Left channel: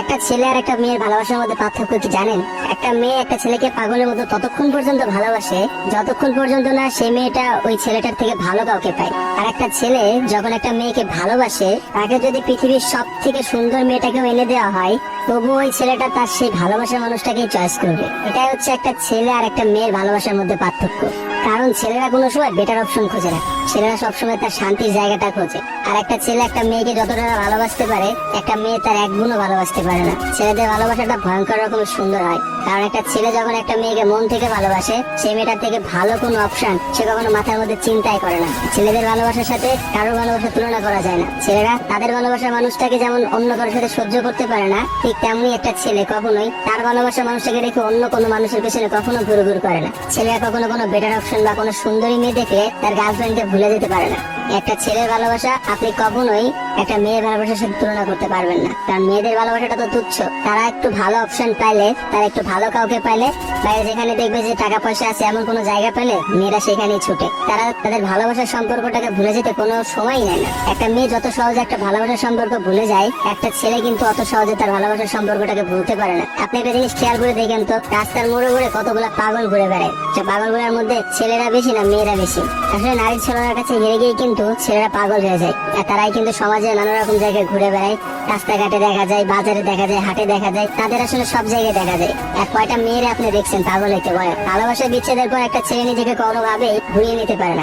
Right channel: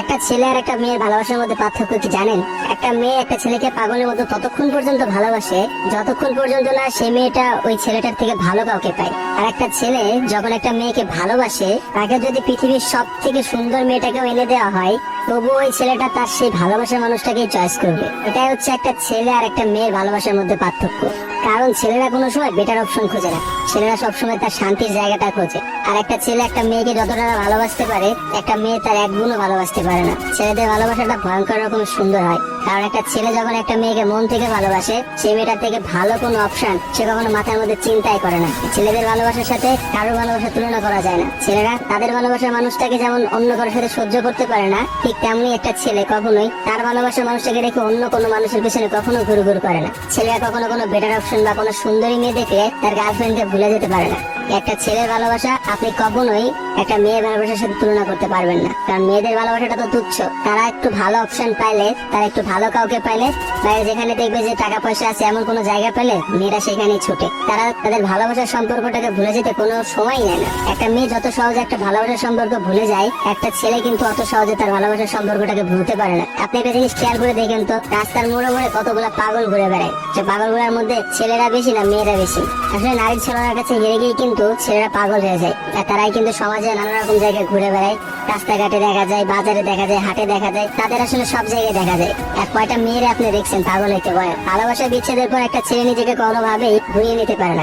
একটা ছেলে আর একটা মেয়ের ভালোবাসার মধ্যে পার্থক্য কি জানেন? একটা মেয়ে একটা ছেলেকে পাগলের মতো ততক্ষণ পর্যন্ত ভালোবাসে যতক্ষণ পর্যন্ত না সেই মেয়েটা ওই ছেলেটার থেকে ভালো কাউকে পায়। আর একটা ছেলে যখন একটা মেয়েকে ভালোবাসে, তাকে যদি পৃথিবীর সব থেকে সুন্দর মেয়েটাকেও এনে দেওয়া হয়, তবুও ওই ছেলেটা তার সেই ভালোবাসার মানুষটাকেই চয়েস করবে। এটাই হচ্ছে একটা ছেলে আর একটা মেয়ের ভালোবাসার মধ্যে পার্থক্য। কারণ ছেলেরা কোনো সময় বেটার অপশন খোঁজে না, ছেলেরা সবসময় তার শান্তির জায়গাটা খোঁজে। আর একটা ছেলে একটা মেয়েকে যতটা না ভালোবাসতে পারে, একটা মেয়ে তার এক গুণও ভালোবাসতে পারে না। ছেলেদের ভালোবাসাটা ভয়ঙ্কর রকম সুন্দর হয়, কারণ একটা ছেলে যখন একটা মেয়েকে মন থেকে ভালোবাসে, সেই মেয়েটার থেকে ভালো কোনো অপশন সে কখনো মাথার মধ্যে চিন্তাই করে না। ছেলেদের ভালোবাসার সাথে কারোর ভালোবাসার তুলনা করা যায় না। ছেলেরা তাদের ভালোবাসার মানুষটাকে যেমন অন্য কারোর সাথে সহ্য করতে পারে না, ঠিক তেমনি একটা ছেলে কখনোই তার ভালোবাসার মানুষটাকে রেখে অন্য কোনো মানুষের পেছনে কখনো ঘুরঘুর করে না। ছেলেরা কখনো কোনো বেটার অপশন বা কোনো সুন্দরী মেয়ে দেখলে তার গার্লফ্রেন্ডকে ভুলে যেতে পারে না। একটা ছেলের ভালোবাসা আপনি কখনোই একটা মেয়ের ভালোবাসার সাথে তুলনা করতে পারবেন না, কারণ মেয়েদের ভালোবাসাটা তো তুচ্ছ। তারা একটু ভালো অপশন পাইলে, তারা একটু ভালো কাউকে পাইলে, তাই যেখানে দেখবে যে টাকা পয়সা আছে এমন কোনো জায়গা পেলে মেয়েরা সেখানেই ছুটে। তারা তাদের ভালোবাসার সম্পর্কটাকে ভুলে যেতে কোনো সময় নেয় না। একটা মেয়ে যত সহজে একটা ভালোবাসার সম্পর্ক ভুলে যায়, একটা ছেলে কিন্তু অত সহজে তার ভালোবাসার সম্পর্কটাকে ভুলতে পারে না। আপনি একটা জিনিস খেয়াল করে দেখেন তো, রাস্তার মোড়ে মোড়ে কতগুলো পাগল ঘুরে বেড়ায়। যে পাগলগুলোর মধ্যে ছেলেরা বেশি না মেয়েরা বেশি? আসলে নারী ছেলের কাছে হেরে গিয়ে কিন্তু ছেলেরা পাগল হয়ে যায়। আর তারাই কিন্তু সমাজে নানা রকম জায়গায় ঘুরে বেড়ায়। রাস্তাঘাটে দেখা যায়, বাজারে দেখা যায়, হাটে দেখা যায়, তাদের আসলে সব জায়গায় দেখা যায়। আর কয়টা মেয়েরা আপনি দেখছেন পাগল হইতে বলে? ভালোবাসা বিচ্ছেদের পর একটা ছেলে নিজেকে কোনোভাবেই ঘুরিয়ে নিতে পারে না।